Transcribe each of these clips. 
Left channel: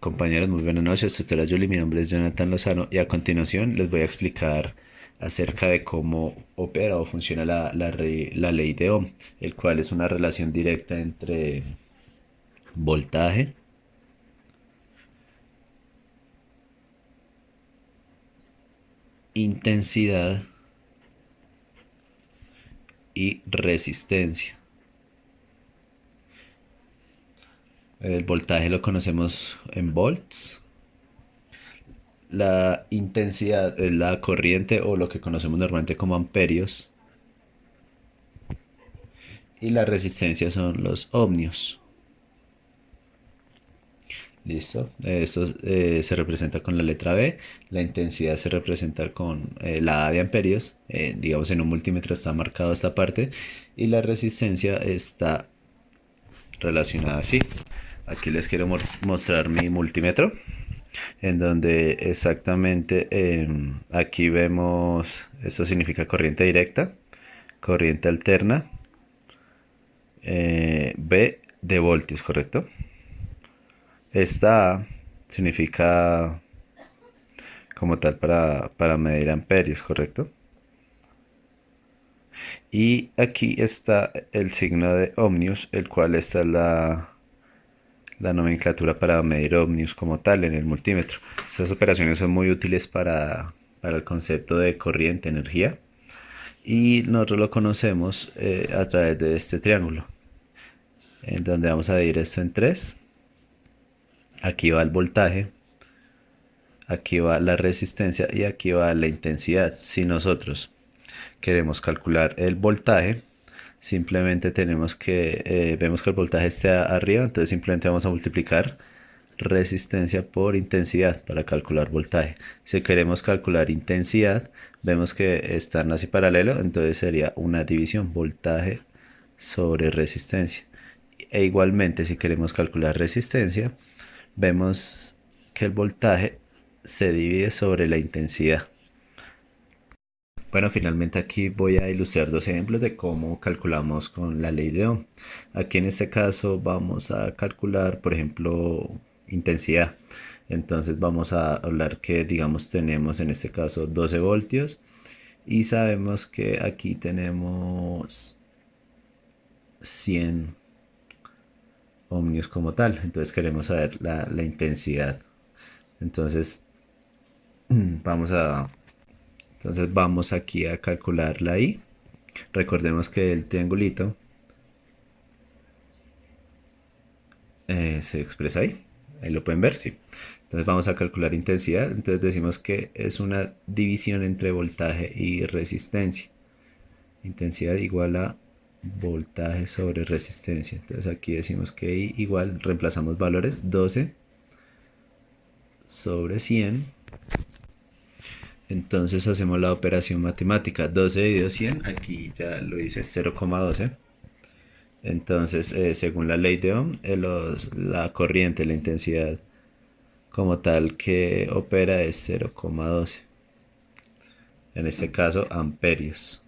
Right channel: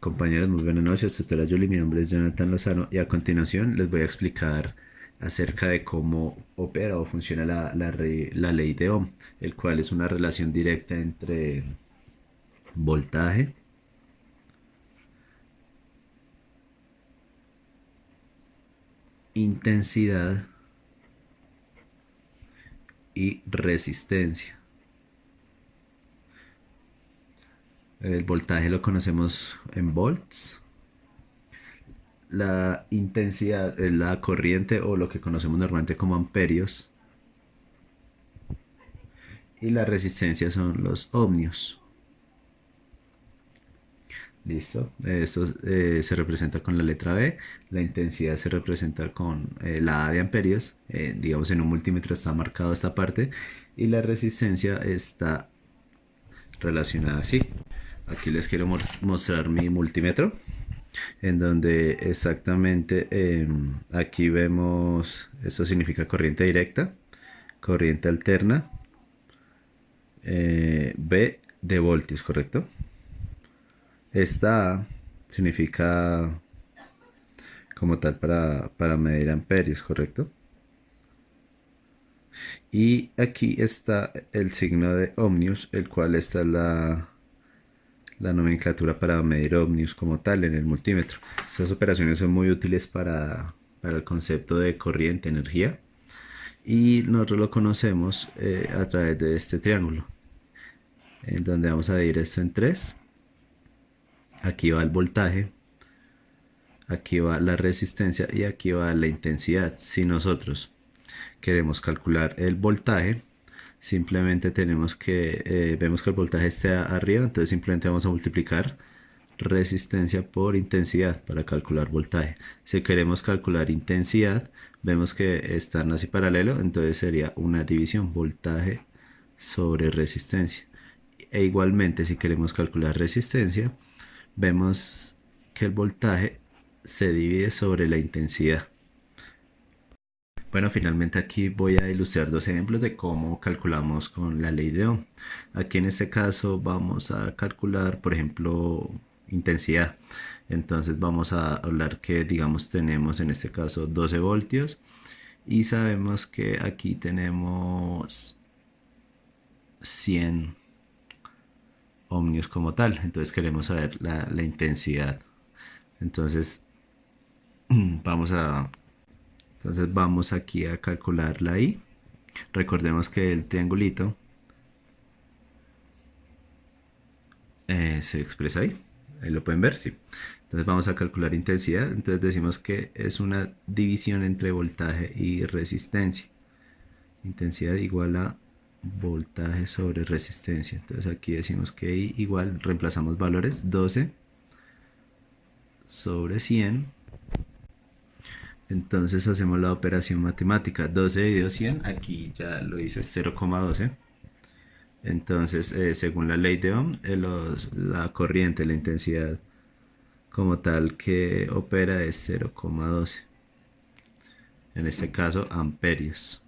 Compañeros, muy buenas noches. Tutora Julie, mi nombre es Jonathan Lozano y a continuación les voy a explicar acerca de cómo opera o funciona la ley de Ohm, el cual es una relación directa entre voltaje, intensidad y resistencia. El voltaje lo conocemos en volts. La intensidad es la corriente o lo que conocemos normalmente como amperios. Y la resistencia son los ohmios. Listo. Esto se representa con la letra B. La intensidad se representa con la A de amperios. Digamos en un multímetro está marcado esta parte. Y la resistencia está relacionada así. Aquí les quiero mostrar mi multímetro. En donde exactamente aquí vemos, esto significa corriente directa, corriente alterna, B de voltios, ¿correcto? Esta A significa como tal para medir amperios, ¿correcto? Y aquí está el signo de ohmios, el cual esta es la nomenclatura para medir ohmios como tal en el multímetro. Estas operaciones son muy útiles para el concepto de corriente, energía, y nosotros lo conocemos a través de este triángulo, en donde vamos a dividir esto en tres. Aquí va el voltaje, aquí va la resistencia y aquí va la intensidad. Si nosotros queremos calcular el voltaje, simplemente tenemos que, vemos que el voltaje está arriba, entonces simplemente vamos a multiplicar resistencia por intensidad para calcular voltaje. Si queremos calcular intensidad, vemos que están así paralelo, entonces sería una división, voltaje sobre resistencia. E igualmente, si queremos calcular resistencia, vemos que el voltaje se divide sobre la intensidad. Bueno, finalmente aquí voy a ilustrar dos ejemplos de cómo calculamos con la ley de Ohm. Aquí en este caso vamos a calcular, por ejemplo, intensidad. Entonces vamos a hablar que, digamos, tenemos en este caso 12 voltios y sabemos que aquí tenemos 100 ohmios como tal. Entonces queremos saber la intensidad. Entonces vamos a Entonces vamos aquí a calcular la I. Recordemos que el triangulito se expresa ahí. Ahí lo pueden ver, sí. Entonces vamos a calcular intensidad. Entonces decimos que es una división entre voltaje y resistencia. Intensidad igual a voltaje sobre resistencia. Entonces aquí decimos que I igual, reemplazamos valores, 12 sobre 100. Entonces hacemos la operación matemática, 12 dividido 100, aquí ya lo dice 0,12. Entonces, según la ley de Ohm, la corriente, la intensidad como tal que opera es 0,12. En este caso, amperios.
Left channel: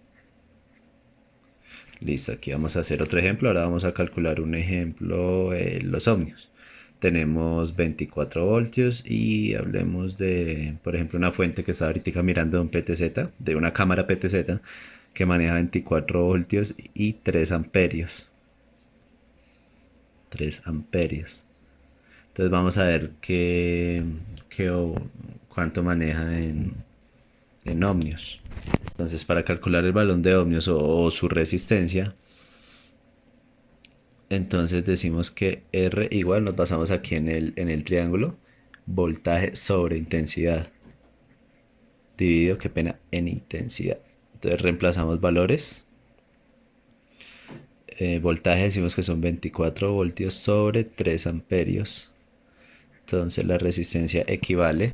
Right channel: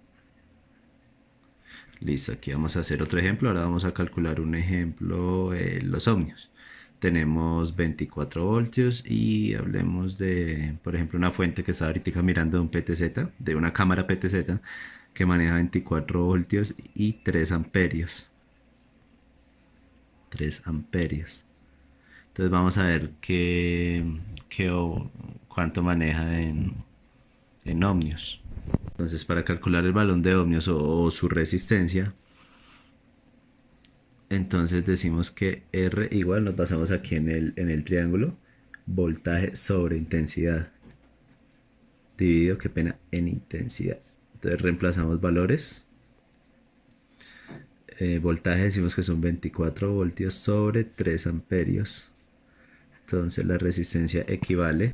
Listo, aquí vamos a hacer otro ejemplo. Ahora vamos a calcular un ejemplo, los ohmios. Tenemos 24 voltios y hablemos de, por ejemplo, una fuente que está ahorita mirando un PTZ, de una cámara PTZ que maneja 24 voltios y 3 amperios. 3 amperios. Entonces vamos a ver cuánto maneja en ohmios. Entonces para calcular el valor de ohmios o su resistencia, entonces decimos que R igual, nos basamos aquí en el triángulo, voltaje sobre intensidad, dividido, qué pena, en intensidad. Entonces reemplazamos valores. Voltaje decimos que son 24 voltios sobre 3 amperios. Entonces la resistencia equivale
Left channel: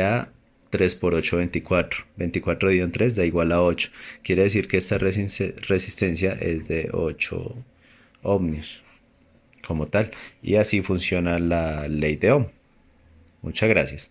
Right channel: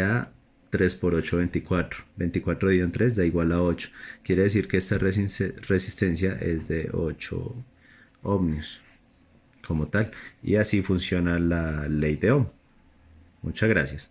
a 3 por 8, 24. 24 dividido en 3 da igual a 8. Quiere decir que esta resistencia es de 8 ohmios como tal. Y así funciona la ley de Ohm. Muchas gracias.